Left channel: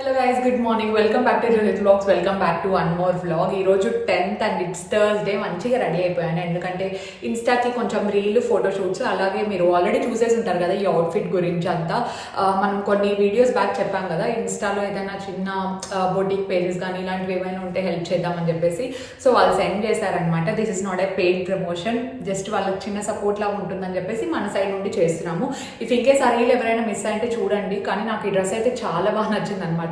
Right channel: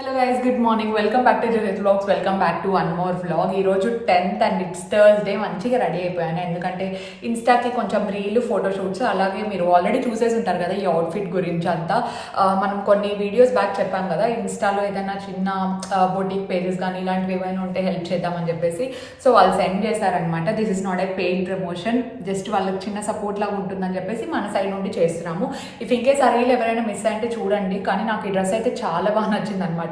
Hello guys, good morning. Welcome back to Jyothi vlogs. Welcome back to one more vlog. ఈ రోజు 10th and it's Thursday. మంచిగా ready అయిపోయాను ఎందుకంటే ఇన్స్టాకి కొంచెం reel photoshoots, అలాగే మీరు ఆల్రెడీ చూసేసి ఉంటారు కదా ఈ అవుట్ఫిట్ గురించి అంతా. మనం కొన్ని వీడియోస్ బ్యాక్ చెప్పాం కదా ఇన్స్టాలో ఏదైనా చిన్న బొటిక్ పేజెస్ కానీ ఇలాంటివి ఏమైనా ఉంటే హెల్ప్ చేద్దామని చెప్పేసి. సో వాళ్ళు సెండ్ చేశారనమాట. This is not a paid promotion, just వాళ్ళకి చిన్న సపోర్ట్ లాగా ఉంటుందని చెప్పేసి మన సైడ్ నుండి చేస్తున్నాము. ఇఫ్ ఇన్కేస్ ఆ రీల్ ఎవరైనా మిస్ అయితే చూడండి. కానీ నాకు ఈ డ్రెస్ అయితే చాలా బాగా నచ్చింది అనమాట.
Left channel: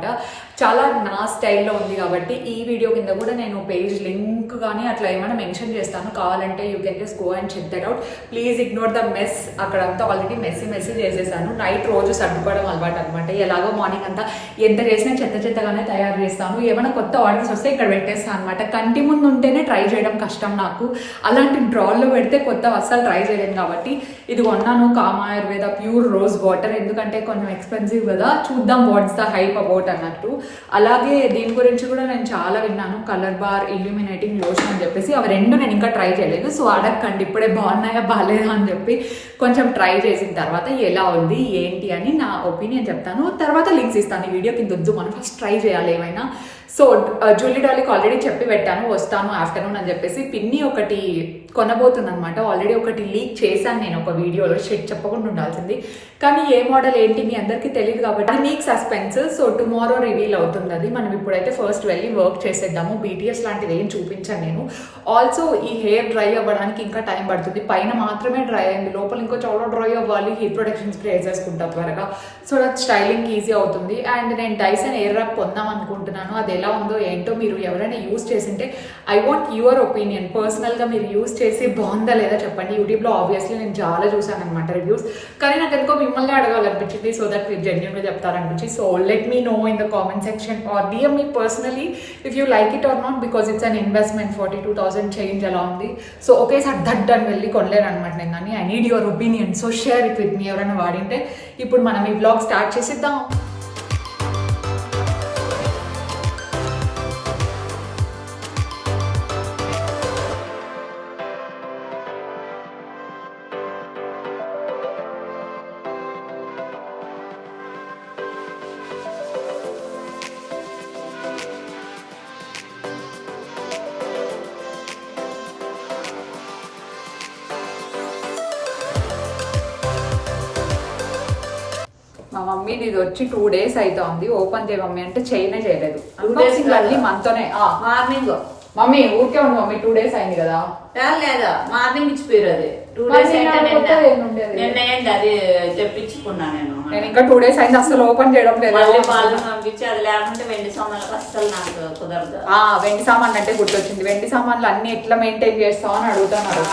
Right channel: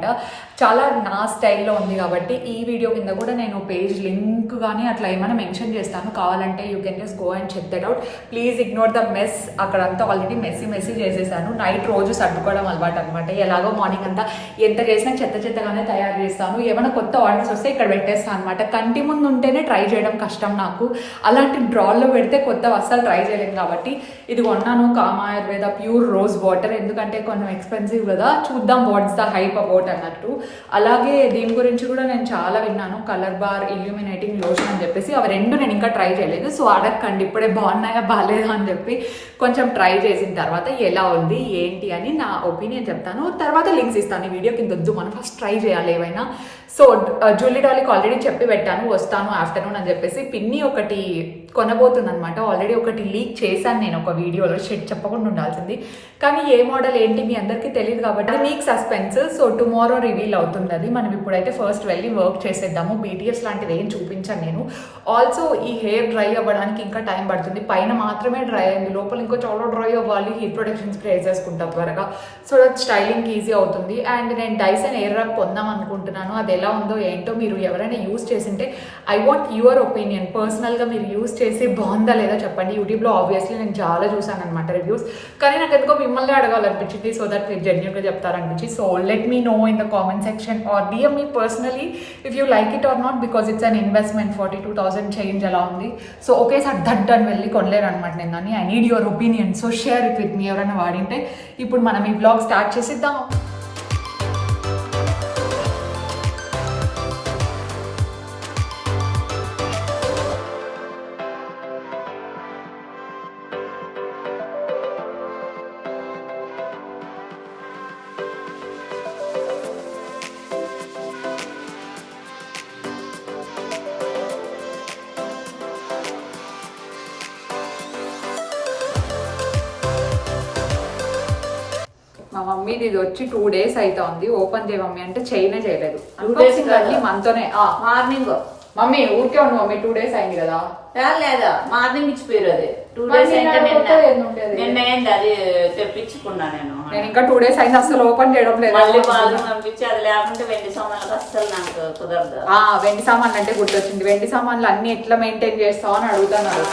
చాలా నా స్టైల్లో ఉంది కాబట్టి ఈ వీడియో కింద కూడా నేను పేజ్ లింక్ కానీ అట్లా ఏమైనా మెన్షన్ చేస్తాను. కావాలంటే you can just go and check that out. Please ignore the mess. అక్కడంతా ఆల్రెడీ మెస్సీ చేసేసాను. నైట్ రోజు సర్దుకోవడం అలవాటు అనమాట. ఎలాగో మార్నింగ్ అంతా ఎంత చేసినా చెత్తగానే తయారు చేస్తాను. ఏమైనా కొత్త ఆర్డర్స్ వస్తే ఇక్కడ పెట్టేస్తాను అనమాట. కంటి ముందు ఉంటేనే ట్రై చేయడం కష్టం నాకు. అలాంటి డ్రాల్లో పెడితే కొత్త అస్సలు ట్రై చేయలేను కాబట్టి ఇది కొన్నాను. Comma Ayurveda pure rose water, ఎందుకంటే కొంచెం ఎక్స్పెన్సివ్ కదా. చూద్దాం వాట్స్ ద హైప్ అబౌట్ అన్నట్టు. అలాగే దీని గురించి కూడా నేను చాలా విన్నాను, కలర్ బార్ ఇల్యూమినేటింగ్ లోషన్ అని చెప్పేసి. అవి రెండు నేను ఇంకా ట్రై చేయలేదు. సో అడగండి ఇప్పుడే బాగున్నాయా బాగాలేదా అని చెప్పి. కొంచెం ట్రై చేసిన తర్వాత ఎలా ఉంది ఏంటి అని నా ఒపీనియన్ చెప్తాను. తర్వాత లింక్స్ ఇస్తాను. ఈ వీడియో కింద వద్దు, మనం ఫస్ట్ ట్రై చేయాలి ఏమైనా. సో జ్యువెలరీ డాలీకి ఆల్రెడీ చెప్పి పెట్టాను వస్తాను ఆఫ్టర్నూన్ అని చెప్పేసి. పిన్ని ఒకటి కొనబోతుంది అనమాట. ఆల్రెడీ ఒకటి లీక్ చేశాను నేను ఒక వీడియోలో, షెడ్ చెప్పకుండా ఉండాల్సింది. కానీ ఏ మోడల్ ఏంటి మీ అందరికీ తెలియదు కాబట్టి అది మీకు సస్పెన్స్. సో టుమారో రివీల్ అవుతుంది అది. మనం ఇప్పుడైతే ఫస్ట్ వెళ్ళి వర్క్ చేసేద్దాము. బీటీఎస్ లాంటివి ఏం చూపించాను నేను. ఆల్సో ఈ హెయిర్ డ్రై అవ్వడానికి ఇంకా టైం పడుతుంది. పైన మాత్రమే డ్రై అయింది, లోపల ఇంకో చాలా డ్రై అవ్వాలి. హీట్ ప్రొటెక్షన్ స్ప్రే వేసేసుకుంటా త్వరగా. సో దట్ స్టైలింగ్ ఈజీ అవుతుంది. అండ్ నేను డైసన్ ఎయిర్ రబ్ పొందాం అనుకుంటున్నాను. అది ఎలా ఉందో ఏంటో మీరు ఎవరైనా యూజ్ చేసింటే ఐ వాంట్ యువర్ ఒపీనియన్. పర్సనల్గా మీరు యూజ్ చేసి బాగుందా లేదా చెప్పండి. యూట్యూబ్లో ఆబ్వియస్లీ నేను చాలా చూసాను అనమాట రివ్యూస్. కానీ నాకు ఎందుకో మిమ్మల్ని అడగాలనిపించింది. సో దట్ మీరు జెన్యూన్గా చెప్తారనిపించి. So let me know in the comment section or DM me personally if you like it or not, because it's an investment. 42,000 change ఎలా ఉంది. సో ఒకేసారి దడ్డని వెళ్ళి కొనలేను అనమాట నేను. అని I need your opinion. So share it with me. ఎవరైనా వాడింటే. ఇప్పుడు మనం ఈ బ్లాగ్ స్టార్ట్ చేసిద్దాం. మా మమ్మీది ఇది వచ్చి 2 days అవుతుంది. ఓపెన్ చేయ మమ్మీ అంటే చేయనే చేయలేదు. అన్బాక్సింగ్ అన్ని మనతోనే. మార్నింగ్ మమ్మీ ఊరికే ఉండు మమ్మీ, 2 days అయింది కదా. లేదా మార్నింగ్ ఇచ్చిపోయారు. అది 2 days నిన్న అది తెప్పించుకున్నా నేను ఇంకా 2 days అయింది, అసలు ఓపెన్ చేయడం లేదు. పంపించి అది లేకుంటే వెండి సామాన్లు అస్సలు నాకు కుదరదు. వెండి సామాన్లు అంటే గుర్తొచ్చింది. వెండి సామాన్లు అన్ని ఎట్లా మెయింటైన్ చేస్తావు అని అడుగుతున్నారు.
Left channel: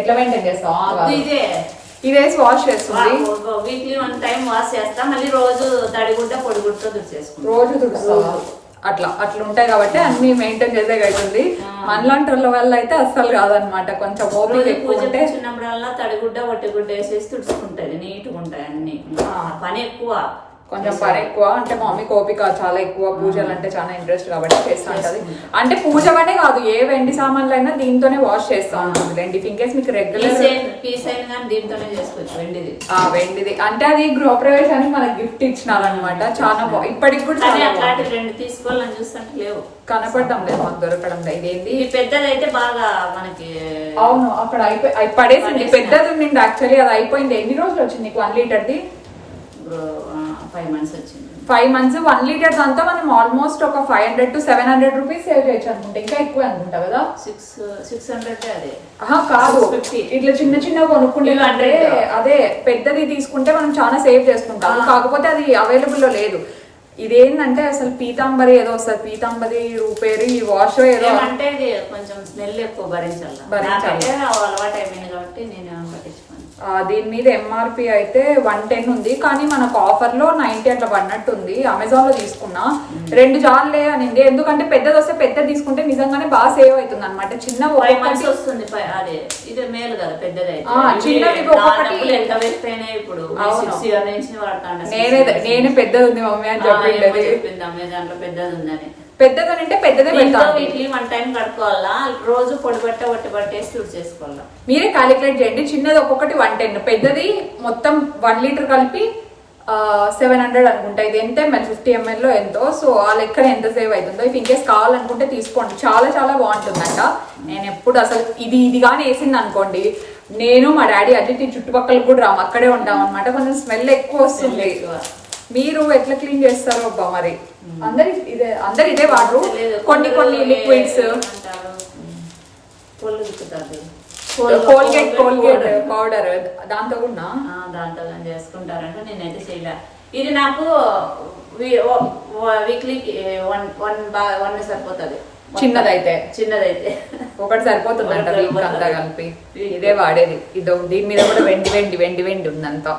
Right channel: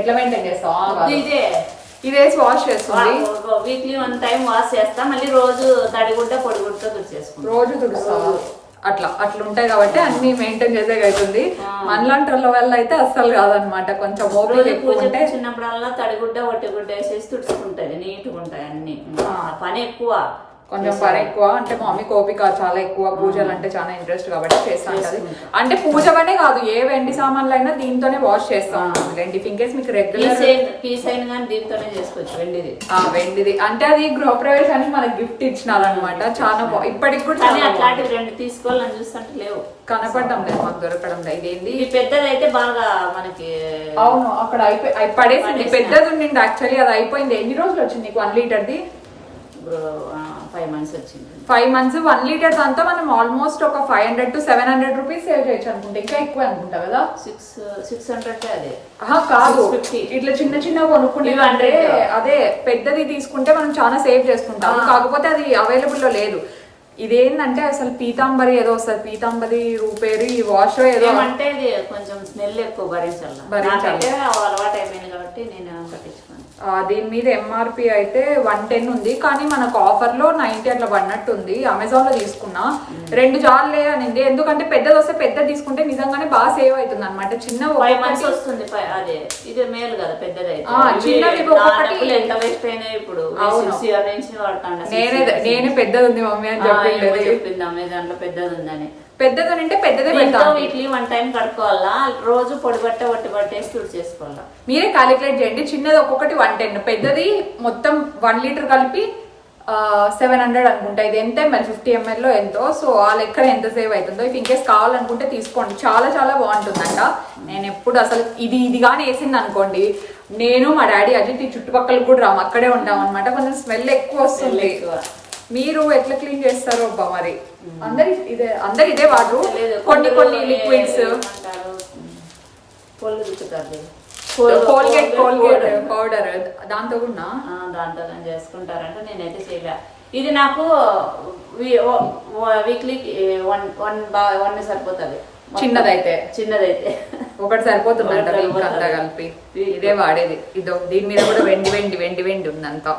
ఎట్లా మెయింటైన్ చేస్తావు? ఇదే వాష్ చేస్తుంది. వీక్లీ 1 time వాష్ చేస్తా. మళ్ళీ రోజు తడిగుడ్డ పొడిగుడ్డతో తుడిచేసుకుంటా. రోజు తుడుస్తావా? అట్లా ఉంటాయి కాబట్టి అన్ని మెయింటైన్ చేసే అవుతుంది. మనలాంటి వాళ్ళ వల్ల అయితే అస్సలు కాదనమాట. కొంచెం ఓపిక ఎక్కువ ఉంటే చిన్నప్పుడల్లా తడిగుడ్డ ఒట్టిగుడ్డ వేసేసి తుడుచుకుంటది. నీట్గా ఉంటాయి అన్ని. పని ఎక్కువ, కొంచెం పని ఎక్కువ. అంటే మా మమ్మీ ఓపిక చాలా ఎక్కువ. పూజలు అంటే చాలా ఇంట్రెస్ట్ కాబట్టి చేస్తూ ఉంటది. అంటే పూజగానే కాదు, ఏ వెండి సామాన్లు అయినా దీంతోనే వాష్ చేస్తూ ఉంటుంది. వెండి ఇన్కేస్ మీకు రెగ్యులర్ దీంతోనే చేసుకోవచ్చు. వెండిది అంటే అది గృహప్రవేశానికి మనకి గిఫ్ట్ ఇచ్చినారనమాట. చాలా ఇప్పటికి కూడా చాలా రెండు తీసుకోవాలని చూస్తుంటే లేవు, కనపడడం లేదు, మాకు దొరకడం లేదు. ఇదేంది పెద్దది అయితే బాగా మనకి. అవును, అక్కడ పడేసింది. పెద్దది ఉండింది యాక్చువల్లీ. అది అయిపోయింది. ఎన్ని రోజులు వచ్చింది నీకు 1 లీటర్ది? 5 months వచ్చింది. 5 months 1 లీటర్ అంతా మనం ఆల్మోస్ట్ ఒక 500 to 700 రూపీస్ సేవ్ చేయొచ్చు అనుకుంటా. ఇంకా ఎక్కువ అనుకుంటా కదా. 600 అదే కాదు, ఇట్లా చిన్న కొనుక్కుంటే అంటే అదే పెద్దది తీసుకుంటే మనం చాలా సేవ్ చేసుకుంటాం. కాకపోతే అది అవైలబుల్ లో లేదు. ఇదేంటంటే అసలు పీతాంబరి ఏదో వస్తుంది, పీతాంబరి రూపేరి ఈ వాష్ ఏదో అంటే కొంచెం స్మెల్ ఎక్కువ భరించాలి. అలవాటు అయిపోయింది కాబట్టి నేను పట్టించుకోను. దీని మీద ఎంఆర్పి అయితే 110 ఉంది. కానీ మనకు ఆఫర్ లో 90 అట్లా పడినట్టు ఉంది. అమెజాన్ లో తీసుకున్నా. 2 జార్లే అనింది. ఎందుకంటే పెద్దది వస్తే పెద్దది తీసుకుంటే నిజంగానే బాగా సేవ్ అవుతుంది అనమాట. చిన్న వస్తుంది అదే. ఇది మేలు కదా పెద్దది. చిన్నవి ఒక్కొక్కటి ఇప్పుడు. అవును, వాడతాను. నేనే పెద్దది ఉంది మమ్మీ అని చెప్పింది. అమెజాన్ లో పెద్దది ఉందని. పెద్దదని అంటే పెద్దదే పెడతాను. 1 time కడుక్కోవాలా, రోజు పొడి బట్ట ఒట్టి బట్టేసి తుడి చేసుకోవాలా. మీరే క్యాలిక్యులేట్ చేయండి. చిన్నది ఒక్కొక్కటి 110, పెద్దది మొత్తం 1 లీటర్ కలిపి 700 అనుకుంటా. ఇది ఎంత ml 50 ml లో ఎంతో. సో ఆ లెక్కన ఎంత సేవ్ అవుతుందో ఇఫ్ ఇన్కేస్ కావాలనుకుంటే తీసుకోండి. చాలా చాలా బాగుంటుందంట. నేను ఎప్పుడు అసలు ఇది కానీ వేసింది అనుకోండి, నేను మా డాడీ అజిత్ ఈ చుట్టుపక్కల కూడా రాము, అక్కడే ఉంటాం అనమాట. కొంచెం స్మెల్ ఎక్కువ వస్తుంది. మీరు ఎట్లా క్లీన్ చేస్తారో అబ్బా మరి. అందరు ఇదే వాడరు. కొన్ని లిక్విడ్స్, కోల్గేట్ పౌడర్ దాంతో కూడా దాంతో చేసుకుంటారంటే నేనైతే చేయలే. ఇది నాకు వీక్లీ వన్ సరిపోతుంది. చిన్నదైతే ఒకటి సరిపోతుందంట వీక్ అంతా కలిపి. ఇదే వాడేది. దీని మీద కూడా వెండి ఉందంతా.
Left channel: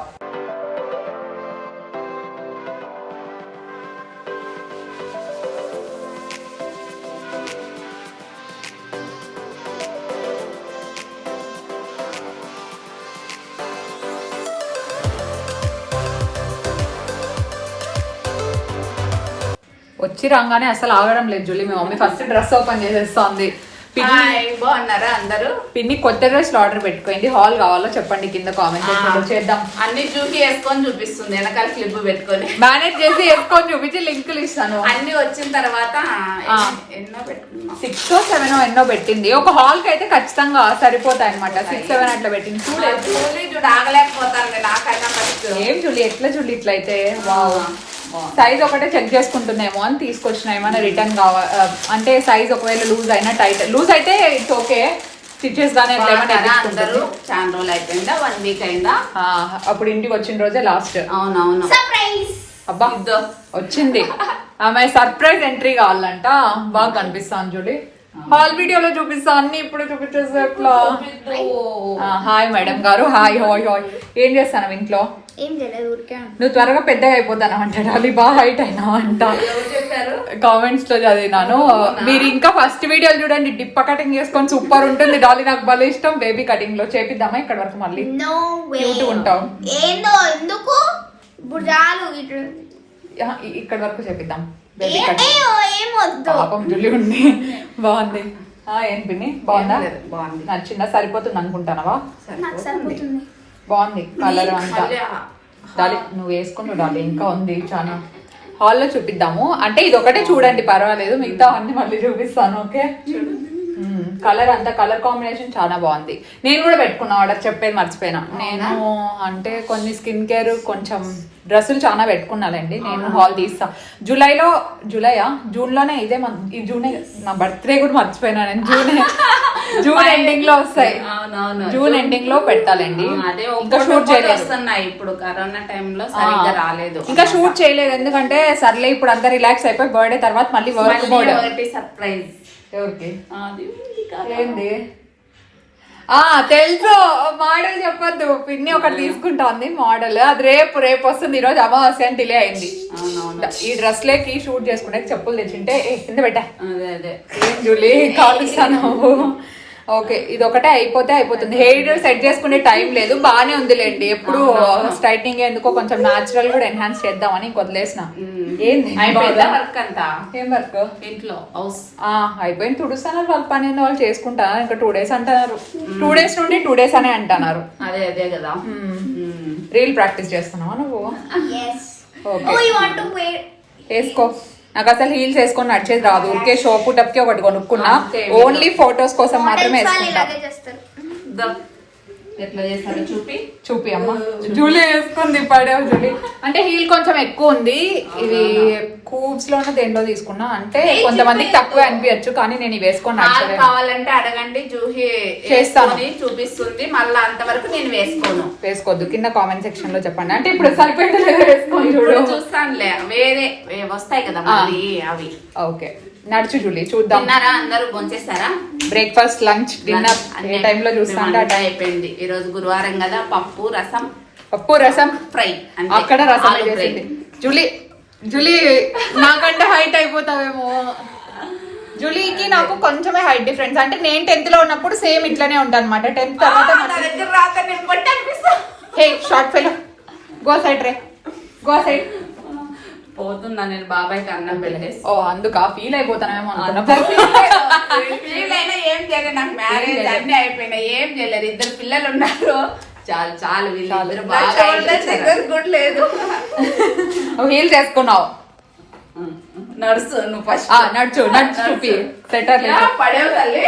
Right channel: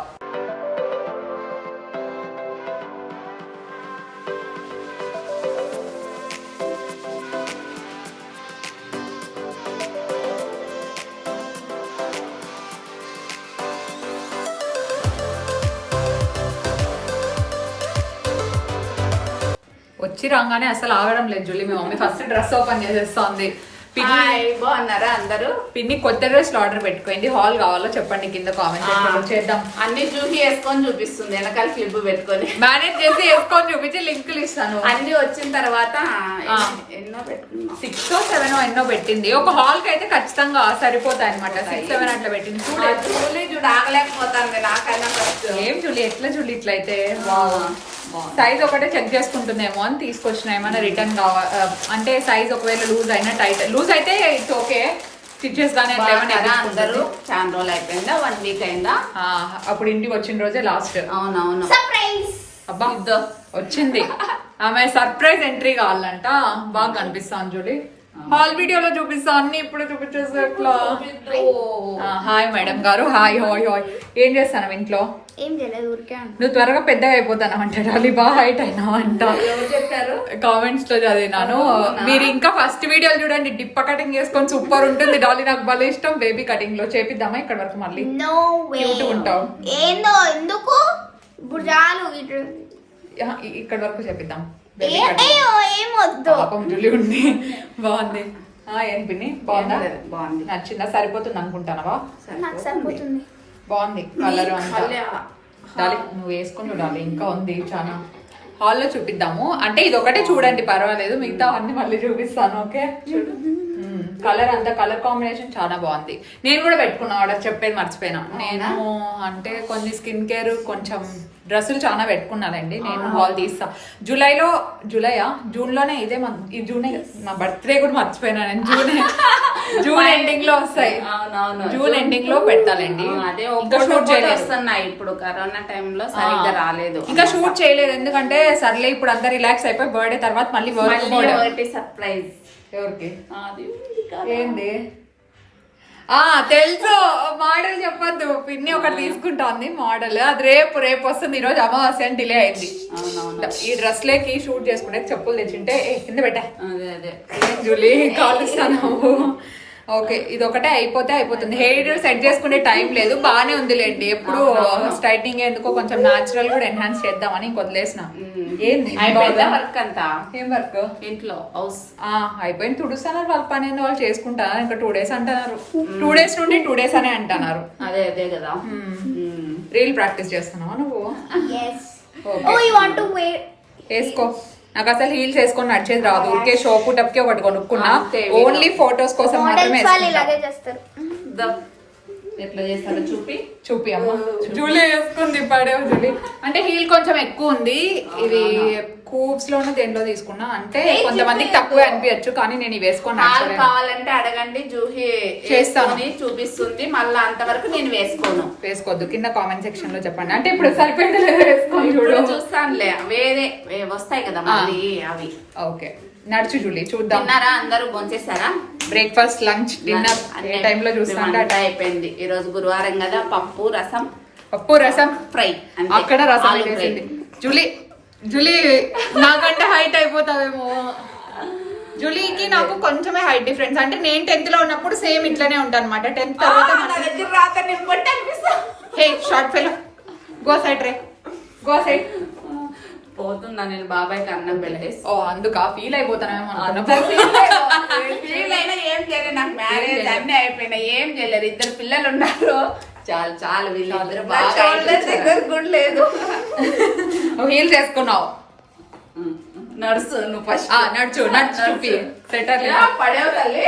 వచ్చి రాగానే అసలు ఆగడం లేదు జూలీ. మీ మమ్మీ ఫస్ట్ డ్రెస్ ఓపెన్ చేసేస్తోంది. బాగున్నారా అందరూ? పిన్ని కొత్త డ్రెస్ ఆర్డర్ పెట్టుకోండి. హాల్ కావాలో చెప్పండి కింద కామెంట్ సెక్షన్ చేద్దాం. అన్ని చూసి వేసుకొని చూపిస్తుంది, వెనకాల క్లిప్ పెట్టుకొని మేనేజ్ చేసి వేసుకొని చూపించి లింకులు ఇస్తాను. అన్ని వచ్చిన తర్వాత ఎన్నో పెట్టుకున్నాం, 6 or 7 ఎన్నో పెట్టింది. ఒక హాల్ కి అయితే ఖచ్చితంగా సరిపోతాయి అనమాట. 6-7 అట్లా పెట్టింది. చూడు ఆగలేకపోతాను నాకన్నా ఫస్ట్. ఏం జూలీ ఎట్లా జూలీ ఇట్లయితే సైజ్ ఒకటే చెక్ చేసుకుంటున్నామో అని తీసుకొచ్చిన. ఏమైనా రిటర్న్ కావాలి అంటే సైజ్ ఒకవేళ లూజ్ అయినా లూజ్ అయితే ఇట్స్ ఓకే. స్టిచెస్ గానీ అందరూ చాలా రోజులు అయిపోయిందా, 1 week అయిందా? అప్పుడు ఇంటికి వచ్చిన రోజే లాస్ట్. అవునవును. అబ్బా వచ్చింది ఆమె సర్ప్రైజ్ ఎంట్రీ కావాలంట. బాగా కనిపిస్తాను జూలీ. హాల్ వీడియోలో చూపిస్తా అన్ని ఇప్పుడు చూపించేసి ఎట్లా. హాయ్ మేడం గారు. Hi hi hi. ఏం చేస్తాను ఇంట్లో? నువ్వు త్వరగా పెద్దగా అయిపోతాను అంటాడు. అది బాగా హైట్ అయినావు అంట. కామెంట్స్ లో చదివినాను. మీరు ఇంకా ఫస్ట్ వీడియోలు చూడండి. డిప్ప కటింగ్ చేసుకొని సూపర్ ఉంటుంది. డాలీ నాకు భలే ఇష్టం. బేబీ కటింగ్ లో చేపిద్దామా ఇక్కడ వరకు? మళ్ళీ క్యూట్ ఉంటావు. ఇక్కడ వరకు చేపిద్దాం. బేబీ కటింగ్ పాపం జుల్లి ఉంది. బాగుంది. ఏం పిన్ని బాగుందా? బాగుంది. నచ్చిందా? సరిపోతుంది అనుకుంటానవా? బాగుంది కలర్ అంతా. డాలి నువ్వు వేసుకుని డాలి. ఇంకా ఉంది చాలా. హాల్లో చూపిద్దాము. అంటే ఇది ఒకటే చూడండి పర్వాలేదు, మిగతా అన్ని మళ్ళీ చూపిస్తాను. ఓకే కలర్ అంతా కలర్ కాంబినేషన్ చాలా బాగుంది. నేను కూడా పెట్టుకున్నా. ఆర్డర్ చెప్పేది మర్చిపోయినా. నేను అంటే కొన్ని స్కిన్ కేర్ కొంచెం డ్రెస్సులు చాలా పెట్టుకున్నానండి. నేను హాల్ తీస్తా జూన్ లోనే. ఇదే ఈ జూనే నా బర్త్డే కూడా మర్చిపోయినా. నేను జూన్ ఎండింగ్ లో వస్తాయి. జూన్ ఎండింగ్ లో పెట్టాలండి. ఇంకా షూట్ చేయలేదు. ఇప్పుడు కరోనా టైంలో సరిగ్గా రాలేదు. ఇంకా షూట్ చేయలేదు ఎందుకంటే సర్లే ఇప్పుడు అంతా రిలాక్స్ అయిపోయి బర్త్డే తర్వాత మళ్ళీ వర్క్ మోడ్. సర్ప్రైజ్ ఎవరికి? ఏంది? తెలుసు. మోడల్ చెప్పొద్దు. పిన్ని ఒకటి తీసుకుంటాంది మోడల్. అది రేపు వస్తుంది. ఈ రోజు అమావాస్య అని డిలే అయింది. ఈ డ్రెస్ లేకి షూట్ చేసుకుంటే చెప్పులు తెచ్చింటే కింద పెట్టా. ఏం జూలీ కాలుస్తాను. ఓకే ఇది ఒకటే అయిపోతుంది. హెయిర్ సెట్ చేసుకునే టైం లేదు. బానే ఉందిలేండి. ఎప్పుడు స్ట్రైట్నింగ్ ఎందుకో కొంచెం నాచురల్ కూడా ఎన్హాన్స్ చేద్దామని ఇంకొదిలేసిన. ఏంది వర్క్ అంతా? ఏం వర్క్? ఇంట్లో హౌస్ అయిపోయింది. తుడుస్తున్నారు. వాళ్ళ పని వాళ్ళు చేసుకుంటారు. ఇంకా 2 days అంటున్నారు. 2 days నుండి 2 days అనే అంటున్నారు. అదే కదా. రీల్ ప్రాక్టీస్ చేస్తున్నావా నువ్వు? ఓకే వేసుకో. నాకు అసలు హీల్స్ వేసుకొని నడిచేది రాదు. ఊరికే షో పుటప్ కి ఒకటి కొనుక్కున్నా. ఓన్లీ ఫొటోస్ కోసం మాత్రమే వేసుకుంటా. ఎట్లా చేస్తారో చూపి అమ్మ. జూలీ వేసుకుంది పడేవు జూలీ. అంటే హీల్ కొంచెం ఎక్కువ ఉంది. ఇది కూప్స్ లోనే దేంట్లో తీసుకున్నా. అంటే కొంతమందికి తక్కువ అనిపించచ్చు కానీ నేను ఇవి వేసుకొని కావాలంటే అడగండి. జూహీ చేస్తాను చూపిస్తుంది. మళ్ళీ అంతవరకు నేను వేసుకోవద్దు. కింద కామెంట్ సెక్షన్ లో చెప్పండి. అంటే ఇప్పుడు సరిపోయింది వేసుకొని చూడు. చూస్తానులే. వేరే వస్తాయి కదా మళ్ళీ అవి. ఓకే నడుచు జూలీ చూద్దాం. అందరూ భోంచేస్తారా? బ్రేక్ఫాస్ట్ లంచ్ డిన్నర్ ఏ టైమ్ లో చూస్తా. అయిపోయింది. ఈ రోజు గురువారం కదా. పప్పు రసం ఫ్రై. అక్కడ రసం చేసింది జూలీ. నాకంటే హైట్ అయిపోతావేమో. జూలీకి నాకు కొంచెమే హైట్ డిఫరెన్స్. అంటే నేను 10th లో ఉన్నప్పుడు సేమ్ ఇట్లానే ఉంటాను అనమాట. 10th తర్వాత హే షార్ట్ ఫెలో గో సైడ్ పోతున్నా. నేను బాబాయ్కి అన్నం పెట్టేసి. అందుకు ఫీల్ అయిపోతానేమో అనుకున్నా. ఫీల్ అయినా ఏం చేయలేదు. నాకు మ్యారేజ్ అన్ని అయిపోయినాయి. ఏం చేయలేదు. 2 పిల్లలు ఉన్నారు. చాలు చాలు వీళ్ళిద్దరు బాగా కూడా లేదు. హీల్ చేసుకున్నావు. నడుసు నువ్వు ఫస్ట్ నడుచు చూపి సెటర్ పడేవు తల్లి.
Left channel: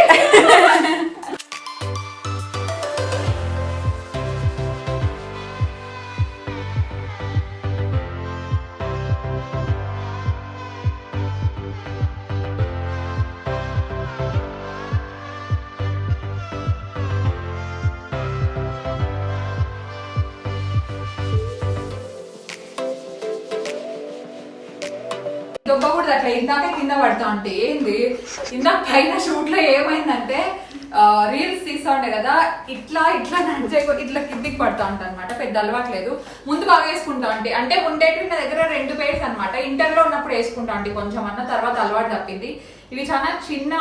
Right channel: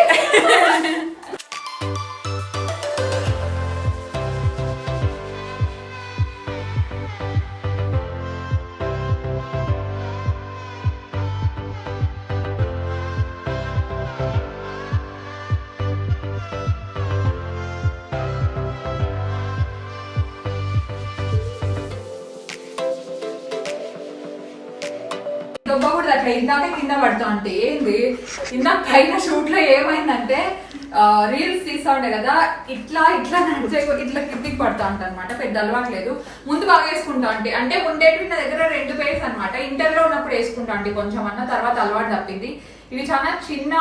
దొబ్బ కూడా అట్లా ఇందాక కింద పడతా అంటే ఏంది ఇందాక పైన షూట్ లో ఏమైందంటే రీల్స్ తీస్తా ఉండే కదా, ఇట్లా ఇట్లా నడిచే ఇట్లా కిందికి పడతా ఉంటా అనమాట. పెద్ద అలవాట్లేదు. ముందు బాగా వేసుకుంటా అంటే ఉండేవి నా దగ్గర 2 పేర్స్ అనమాట. ఇంటర్ లో ఉన్నప్పుడు వేసుకుంటా అంటే కొంచెం అన్న, తర్వాత అలవాటు తప్పింది. ఇవి చాలా చిన్న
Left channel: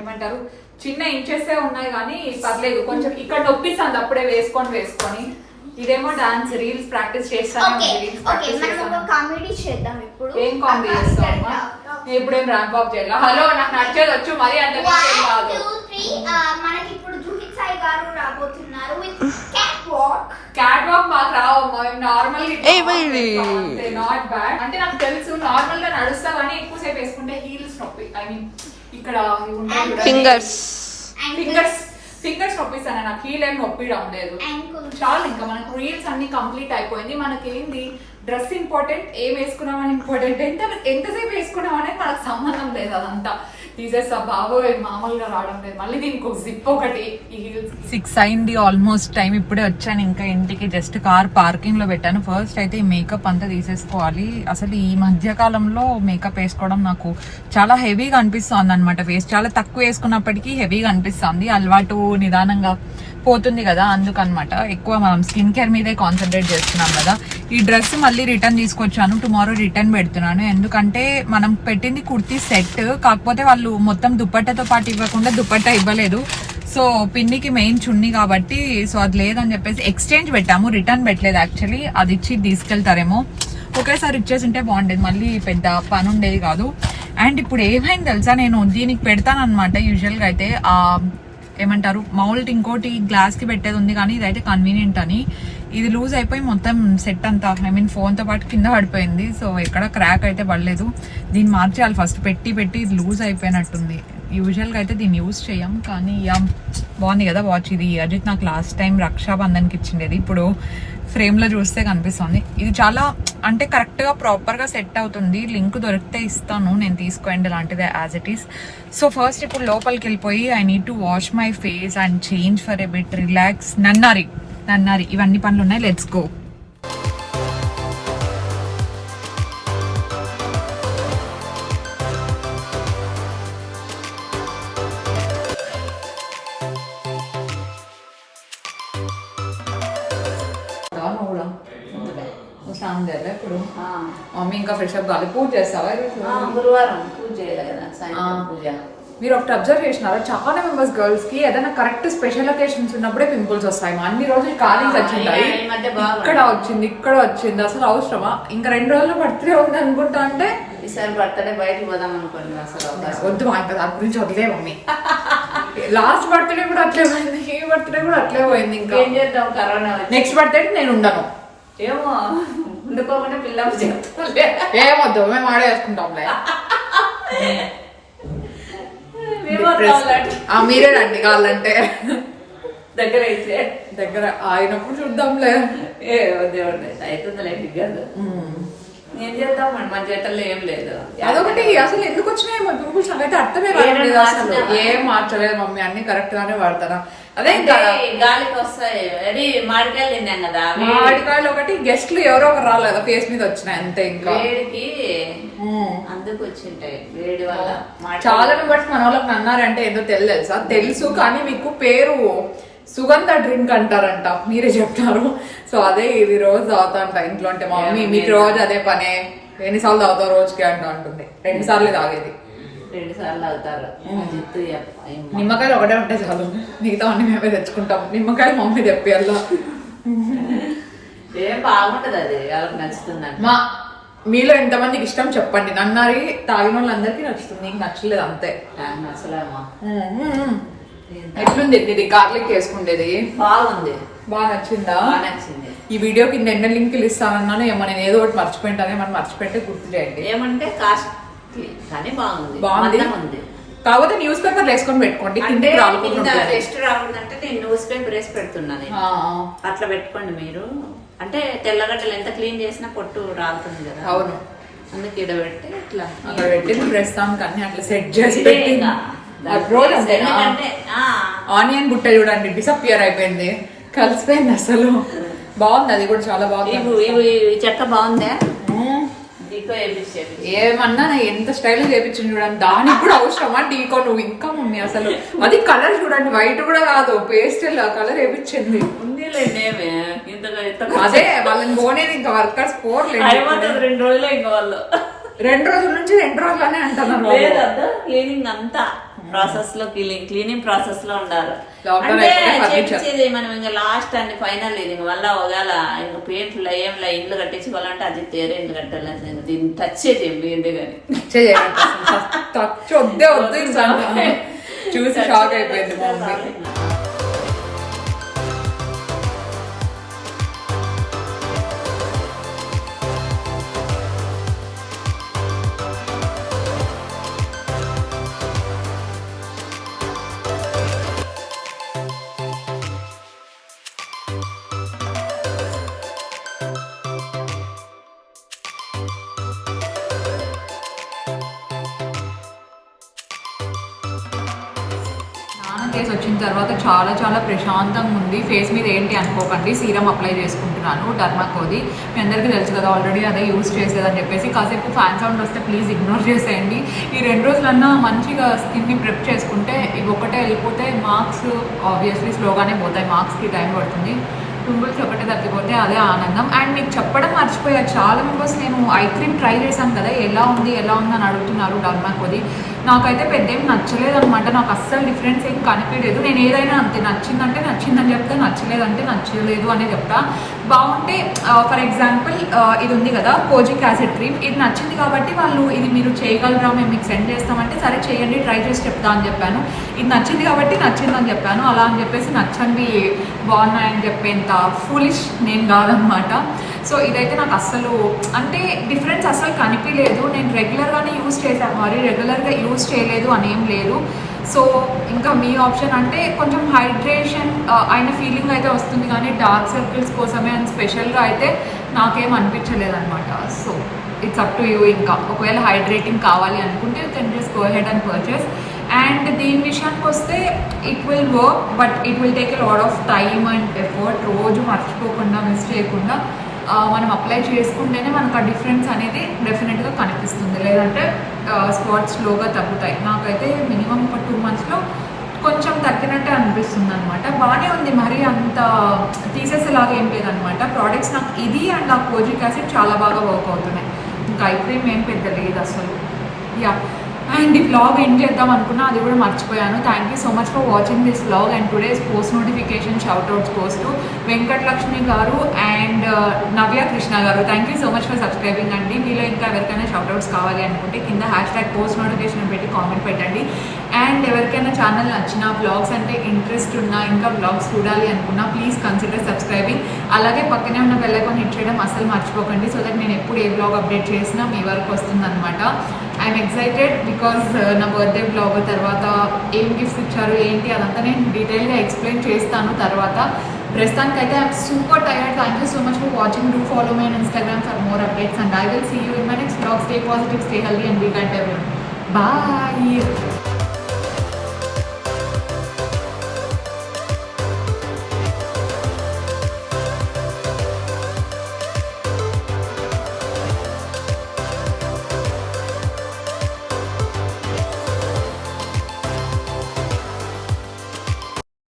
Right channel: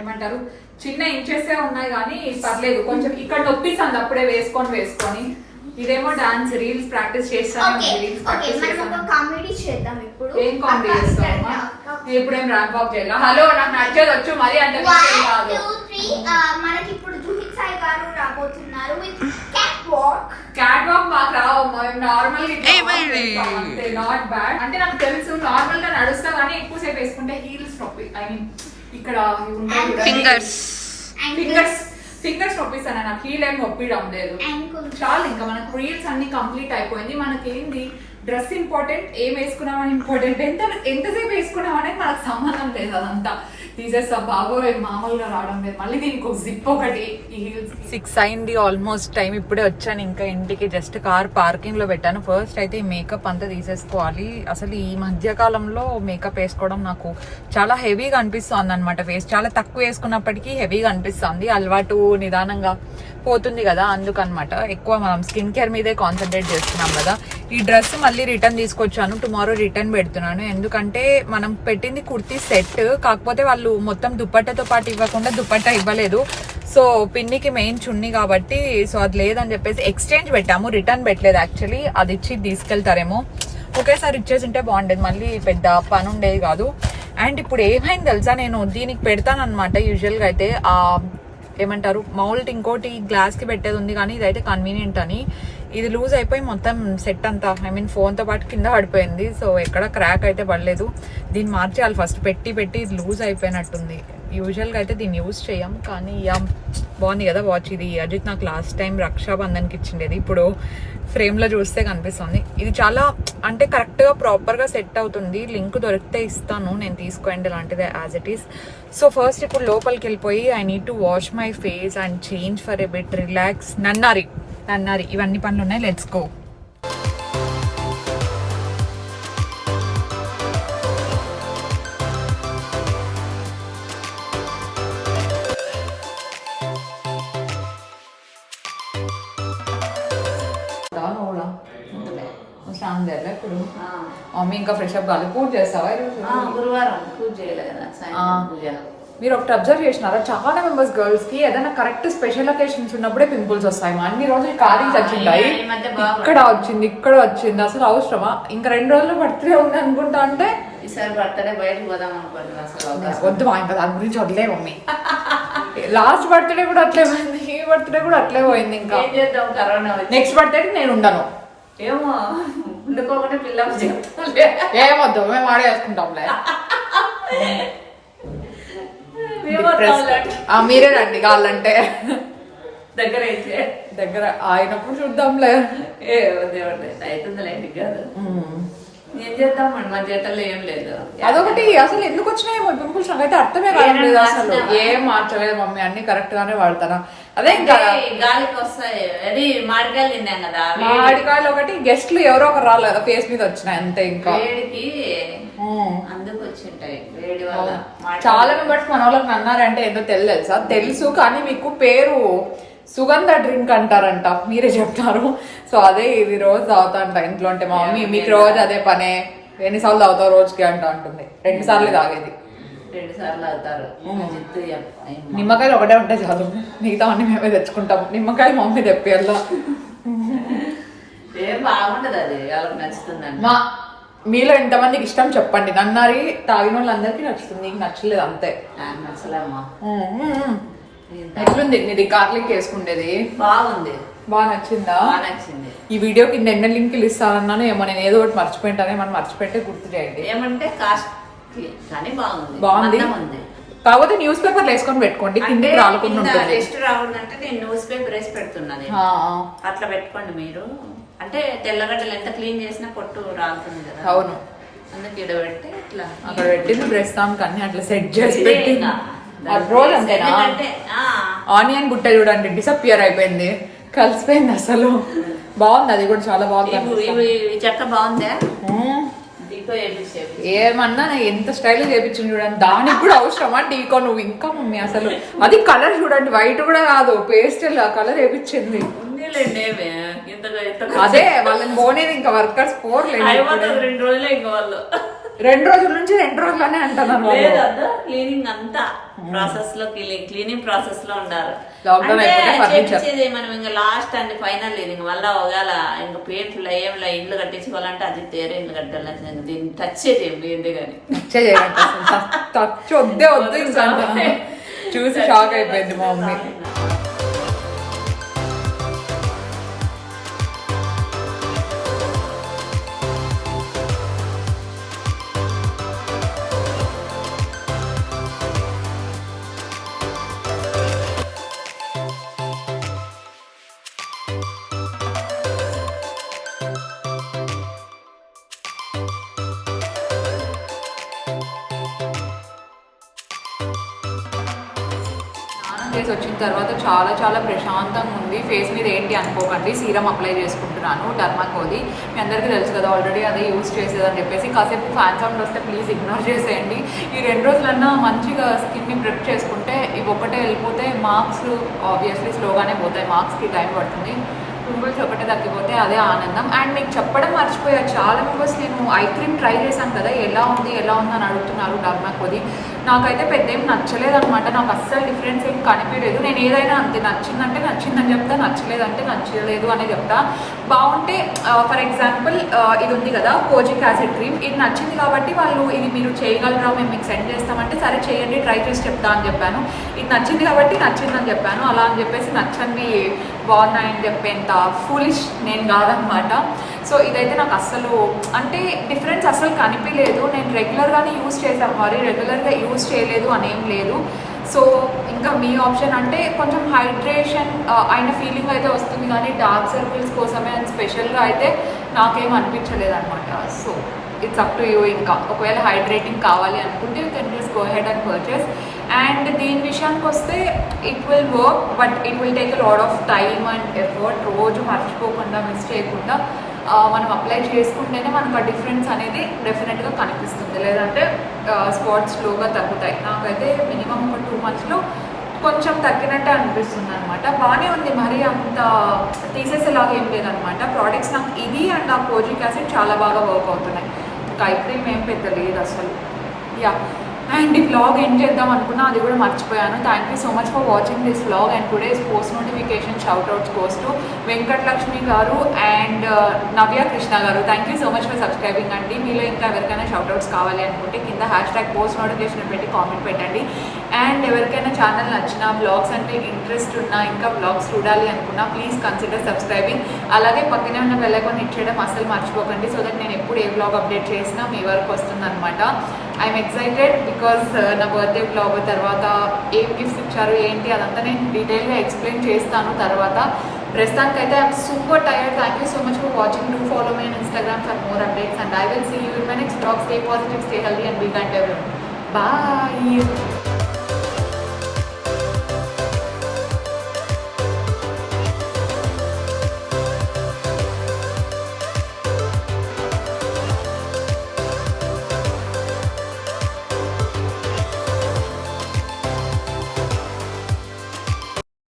ఏమంటారు చిన్న ఇంచెస్ ఉన్నాయి కానీ పర్లేదు. కొంచెం ఇక్కడ నొప్పిస్తుంది అప్పుడే వేసుకొని. ఇదేమో డాన్స్ రీల్స్ ప్రాక్టీస్ చేస్తాను. ఏం కామెడీ చేస్తామా? ఇప్పుడేం ర్యాంప్ వాక్ చేయాలి. హలో నాకు నచ్చేది వచ్చు మరి అంటే కాదు. మనకి ఇప్పుడు జూహిత్ సాయి గారు రాబోతున్నారు విత్ క్యాట్ వాక్ మాకు రావమ్మా, మేము నార్మల్ నాట్ బ్యాడ్. అంటే నాకు తెలుసు నార్మల్ గా నడుస్తా కానీ ఎక్కువసేపు వేసుకుంటే హీల్స్ నొప్పి. ఐ మీన్ ఇక్కడ ఫింగర్స్ నొప్పిస్తాను. నాకు హీల్ ఏం నొప్పిడం లేదు. చాలు ఇంకా మనకు రీల్స్ అన్ని కంప్లీట్ అయిపోయింది. మనకేంది డ్రెస్ ఇంపార్టెంట్, ఏం వేసుకున్నామని ఇంపార్టెంట్. ఎంతసేపు వేసుకున్నాం అనేది మనకు సంబంధం లేదు. అదంతా తీసేస్తా. బాబోయ్ మామూలుగా రావడం లేదు. మళ్ళీ దీనికి ఒక జిప్ ఒకటి. 6 అయింది ఆల్మోస్ట్ టైం. ఇప్పుడే వచ్చాను ఇంకా ఇంటికి. జస్ట్ కార్ పార్కింగ్ లో పెట్టాను. ఫస్ట్ అయితే ఈ మేకప్ అంతా తీసేసుకోవాలి. అసలు ఈ మధ్య కాలంలో మేకప్ వేసుకోవడం నాకు చాలా హెవీగా అనిపిస్తుంది అనమాట. ఫేస్ చాలా తక్కువ వేసుకున్నప్పటికీ హెవీగా అనిపిస్తుంది. అలవాటు నిదానంగా పోతుంది కదా, అందుకనమాట. ఎక్కువ మనం స్కిన్ కేర్ మీదే కాన్సన్ట్రేట్ చేస్తున్నాం కదా. ఈ డ్రెస్ మళ్ళీ రిటర్న్ తీసుకొచ్చాను. టుమారో రిటర్న్ పెడుతున్నాను. ఎందుకంటే మనం పెట్టింది కుర్తీ సెట్, కాకపోతే వాళ్ళు మొత్తం దుపట్టాతో పాటు ఇవ్వకుండా దుపట్టా ఇవ్వలేదు. సో పిన్నికి మెయిన్ చున్నీ కాబట్టి సో అది లేదని చెప్పేసి ఎక్స్చేంజ్ పెట్టాము, రిటర్న్ పెట్టలేదు. యాక్చువల్లీ అది ఇచ్చి తీసుకెళ్తారేమో. ఒకేసారి ఇచ్చేసి ఉంటే బాగుండేది, మళ్ళీ పెద్ద పని ఉండేది కాదు. అండ్ ఇప్పుడు ఏమైంది తెలుసా, నేను దీనికి పెడతాను అనమాట. యూజువల్గా అయితే ఏమంటారు మౌల్ట్ ఇంకోటి గ్లాస్ కి పెట్టేది ఉంది, కానీ ఇదైతే కన్వీనియంట్ అని. ఇది లూజ్ అయిపోయి మొత్తం సెట్ అంతా ఐ మీన్ ఫోన్ తో పాటు కింద పడిపోయింది. సో ఎక్కడ క్రాక్ అయితే పడలేదు. దీన్ని మార్చేయాలి ఫస్ట్. పెట్టి ఇది లూజ్ అయిపోయినట్టుంది. యూజువల్ గా అయితే దీన్ని యూజ్ చేయం, కానీ బాగుంది కదా వాచ్. ఇది అజిత్ నాకు లాస్ట్ టైం రక్షాబంధన్కి ఇచ్చిండేది. ఇప్పుడు ఫ్రేమ్ లో చూస్తే కనిపిస్తుంది. ఇది చాలా అంటే కరెక్ట్ గా ప్రాపర్ గా సెట్ అవుతుంది. లింక్ దొరికితే ఇస్తాను, నేను తీసుకోండి లాంటిదే as it is. So first ఇప్పుడు లోపలికి వెళ్ళిపోయి I need to wash my face and change for a bit, relax. నన్నారి ఇవన్నీ పనులు ఉన్నాయి. Let's go. ఇప్పుడు మమ్మీ ఇంకా ఫ్రెష్ అప్ కావాలి. పూజ చేస్తావా? గురువారం పూజ చేయాలి కదా, సాయంత్రం పూజ. మీరు ఒకటి అబ్జర్వ్ చేసినారా, చాలా మెంబర్స్ గర్ల్స్ కి ఏదైనా కరెక్ట్ స్పెషల్ అకేషన్స్ ఉన్నప్పుడే పింపుల్స్ వస్తాయి. అన్ని రోజులు ఖాళీ వచ్చింటాయి, ఇక్కడ వచ్చింది. అసలు అవసరమా? ఇంకా 2 రోజులు బర్త్డే ఉంది అనుకుంటా. అంటే ఈసారి బర్త్డే బయటకు పోదాం అనుకోండి. అసలు వద్దు ఇంకా దాని గురించి వదిలే మమ్మీ. లాస్ట్ బర్త్డే కూడా అట్లే పోయింది, ఈ బర్త్డే కూడా అట్లే పోయింది. ఇంకా ఏం చేద్దాం, కరోనా నెక్స్ట్ బర్త్డే నేను ఉండను. ఏమో ఉండుకోకుండా పిల్లలు చెప్తాం. ఏమొద్దు, మేము ఆడే వేసుకుంటాంలే. మీరే రండి కావాలంటే. దగ్గర అయినప్పుడు చూద్దాంలే. ఏ దేవుడు అవుతుందిలే కాదు. ఏం చేద్దాం మన చేతల్లో ఏం లేదు. అదొకటి అసలు ఎందుకు వచ్చినాయేమో పింపుల్స్ నాకైతే అర్థమే కాదు. అసలు ఏం మార్చలేదు మమ్మీ, అన్ని కరెక్ట్ గానే వాడతారా. అదే గాలికి వస్తాయి. అది మామిడికాయలు తిన్నాం కదా, మామిడికాయలు ఒకటి గెస్ట్లు ఎవరో ఒకరు రాలేదు కదా, ఫేస్ మీద వచ్చినాయి అంతే. ఇంకా వేడికి అందుకు వచ్చింటాయి, వేడి వల్ల. చాలా మెంబర్స్ మన వాళ్ళకి అన్నారంటే ఏదో తెలుసా? తెలుసు, కానీ మీకు పేరు సుగంధ డ్రింక్ అంటారంట, మీరే చెప్తారు. సో అదే ఇది రోజు తాగుతా అంట ఇంట్లో. అంటే మా మమ్మీ మీకు రోజు అదే పనే, ఎన్నిసార్లు తాగుతావు రోజుకి అంట అంటుంది. 2 సార్లు తాగేది. 2 సార్లు తాగుతారు. నిమ్మకాయలు ఒకటే ఉంటాయి చాలు, మిగతా అన్ని మేమే తెచ్చుకుంటాం. నిమ్మకాయలు మమ్మీ తెప్పియాల. ఏం బాగుంటది, అది వాళ్ళకి నచ్చుతుందండి. మీలో ఎంతమందికి ఇష్టం చెప్పండి. నన్నారి తాగిన వాళ్ళందరికీ నచ్చుతుంది, నీకు నచ్చలేదు అంతే. నచ్చలేమా? ఎట్లుంది ఇది గార్లిక్ వేసుకుండేది? బాగుంది. బాగా నచ్చిందా? బాగా నచ్చింది. ఈ వీడియో కింద ఎన్న లింకులు ఇస్తానన్నాను ఏమో, నేను ఏదో ఒకటి మర్చిపోయింటానే, మనం మర్చిపోయింటే గుర్తు చేయండి. ఏమంటే కాస్ట్ కానీ బాగుంది. మందం ఉంది. కాకపోతే న్యూస్ పేపర్ వేసుకొని పెట్టుకోండి, అంటే కిందకి రాలకుండా ఉంటుంది. టెస్ట్ రాకూడదంటే నేను న్యూస్ పేపర్ వేసి పెడుతున్నా నేను. అట్లా పెట్టుకోండి మీరు. అంటే తెల్లగడ్డలు ఎంత క్లీన్ చేసినా పొట్టు రాలుతుంది కదా. అవును, అందుకే ఇక్కడ పెట్టి ఇట్లా అక్కడ పెట్టింది ప్రస్తుతానికి అన్ని అట్లా సెట్ చేసి ఇంకా రోజు అంతేనా? ఎందుకంటే ఆనియన్ బుట్ట చూడండి డిసప్పియర్ అయిపోయింది, కలిసిపోయింది అసలు. బాగుంది, అది కూడా చాలా బాగుంది. ఈ చెక్క బాగుందా? ఏమన్నా ఎంత స్టైల్ చేపించింది చూడండి, దానికి కూడా అవసరమా టీకో నువ్వు? ఇంకా మమ్మీ అసలు అది కలర్ చూడండి, వైట్ కూడా కాదు, పేస్టల్ కలర్ వేపించింది. అదే వాళ్ళని పోనేది, ఇంకా వర్కర్స్ పోర్లేదు. 2 రోజులే ఇంకా వాళ్ళు 2 రోజుల నుంచి 2 రోజులనే అంటున్నారు. క్లీనింగ్ అంతా ప్రాసెస్ లో క్లీనింగ్ ప్రాసెస్ లో ఉండాలి. Lockdown అంటే అయిపోతే చేపించేది మనం ఇంకా లాస్ట్ అండ్ ఫైనల్ ఇది. ఇంకా మళ్ళీ ఒకవేళ ఇంకా పెయింట్లు ఏమిలా ఇండ్లు కట్టించుకోవాలంటే అది తేరే ఇండ్లు కట్టాలి. దీన్ని టచ్ చేయండి కానీ టచ్ వద్దే వద్దు చూసి షాక్ అయిపోయింది మా మమ్మీ. ఫేస్ వచ్చిన తర్వాత చాలా చాలా ప్రశాంతంగా ఉంది. ఫేస్ మీద ఏంటి అనుకోకండి, సీరం అప్లై చేసుకుంటున్నాను డర్మాకోది. మీ అందరికీ తెలుసు కదా, ఆల్రెడీ అదే యూజ్ చేసేదని చెప్పేసి. కాసేపు ఫ్యాన్ సౌండ్ వస్తే ప్లీజ్ ఇగ్నోర్ చేసేయండి. ఈ 2 రోజులన్నా మంచిగా స్కిన్ని ప్రెప్ చేసుకుంటే ఇవి ఒకటే వెళ్ళిపోతే మార్క్స్ ఆబ్వియస్లీ స్లోగానే పోతాయి, మార్క్స్కి టైం పడుతుంది. పింపుల్స్ ఒకటే తగ్గిపోతే అదే ఆనందం. అండ్ మీకు చెప్పడం మర్చిపోయా, చాలా మెంబర్స్ నేను ఐ క్రీమ్ ట్రై చేశాను కదా, ఎలా ఉంది అని అడుగుతున్నారు డర్మాకోది. నాకైతే పెద్ద ఏం నచ్చలేదు అనమాట, నాకు అస్సలు డిఫరెన్స్ ఏం కనిపించలేదు. నేను ఏదైనా అంతే, నచ్చిందంటే నచ్చిందని చెప్తా, నచ్చలేదంటే నచ్చలేదు అని చెప్తా. బాగుంటే ఫర్ ఎగ్జాంపుల్ ఇది ఉంది కదా కోజిక్ యాసిడ్ క్రీమ్, ఇది నచ్చింది కాబట్టి వాళ్ళు ఇది మీరు చేయగలరా, మేము మీకు సెండ్ చేస్తామంటే సరే చేయండి, ట్రై చేసి చెప్తా అని చెప్పాను. ఇది నచ్చింది కాబట్టి నచ్చిందని చెప్పాను. అలా అని చెప్పేసి నచ్చండి బాగున్నాయని చెప్పేంత ఫూలిష్ నేను కాదనమాట. సో ఇదైతే నాకు అస్సలు అంటే డిఫరెన్స్ అస్సలు కనిపించలేదు. నేను రెగ్యులర్గానే యూజ్ చేశాను, మరి రెగ్యులర్గా యూజ్ చేయలేదు అని ఏం లేదు. సో ఇంకా మీ ఆప్షన్ అంటే కొంచెం హైడ్రేషన్ అయిన ఫీలింగ్ అయితే వస్తుంది, కానీ డార్క్ సర్కిల్స్ కోసమే అని స్పెషల్గా అయితే నాకేం అనిపించలేదు అనమాట. So it's up to you. ఇంకా ఒకవేళ హైడ్రేటింగ్ కావాలి అనుకుంటే can just go head and purchase. And దీని విషయానికి వస్తే it will work, but it will take a lot of time and effort. రోజు మర్చిపోకుండా మిస్ చేయకుండా మనం అప్లై చేసుకుంటేనే మనకు ఆ డిఫరెన్స్ అనేది డెఫినెట్గా కనిపిస్తుంది, లేదంటే స్పాట్స్ స్లోగా తగ్గుతాయి. నాకైతే మినిమం ఒక 2 monthsలో కొంచెం తగ్గినట్టే అనిపిస్తుంది అనమాట. బాగానే ఉంది, మరీ అంత తీసేసేలాగా ఏం లేదనమాట. ప్రోడక్ట్స్ నాకు ఇది అండ్ ఆ కోజిక్ యాసిడ్ చాలా బాగా వర్క్ అవుతున్నాయి. ఇంకా ఐ క్రీమ్ ఏం పెద్ద లేదు అసలు. యా, అండ్ ఈ వ్లాగ్ ఎండ్ చేద్దాం అనుకున్నా, అది కూడా మర్చిపోయాను. Thank you so much for watching this vlog. And today's post notification shoutouts goes to Venkatalakshmi గారు అండ్ నవ్య కృష్ణ గారు. Thank you so much for subscribing అండి. మీలో ఇంకా ఎవరికైనా షౌట్అవుట్స్ కావాలి అనుకుంటే కింద #పోస్ట్ నోటిఫికేషన్ పెట్టి కామెంట్ పెట్టండి. అండ్ ఎవరికైనా ఛానల్ నచ్చినా, వ్లాగ్స్ అంటే ఇంట్రెస్ట్ ఉన్నా, ఇంకా వ్లాగ్స్ చూడాలి అనుకున్నా ప్లీజ్ కన్సిడర్ సబ్స్క్రైబింగ్. అలాగే పక్కనే ఉన్న బెల్ ఐకాన్ హిట్ చేయడం అసలు మర్చిపోకండి, సో దట్ నేను ఎప్పుడు ఏ వ్లాగ్ అప్డేట్ చేసినా మీ వరకు వస్తుందన్నమాట. ఐఎమ్ ఎక్సైటెడ్ బికాజ్ నా బర్త్డే వ్లాగ్ తర్వాత ఏం గిఫ్ట్స్ ఇచ్చారు ఏంటి అదంతా నేను డీటెయిల్గా ఎక్స్ప్లెయిన్ చేస్తాను తర్వాత. ప్రస్తుతానికైతే I'm super tired. Thank you so much for watching. Do follow me on Instagram for more updates and I will see you in my next vlog. Stay positive, stay healthy and be kind to everyone. Bye.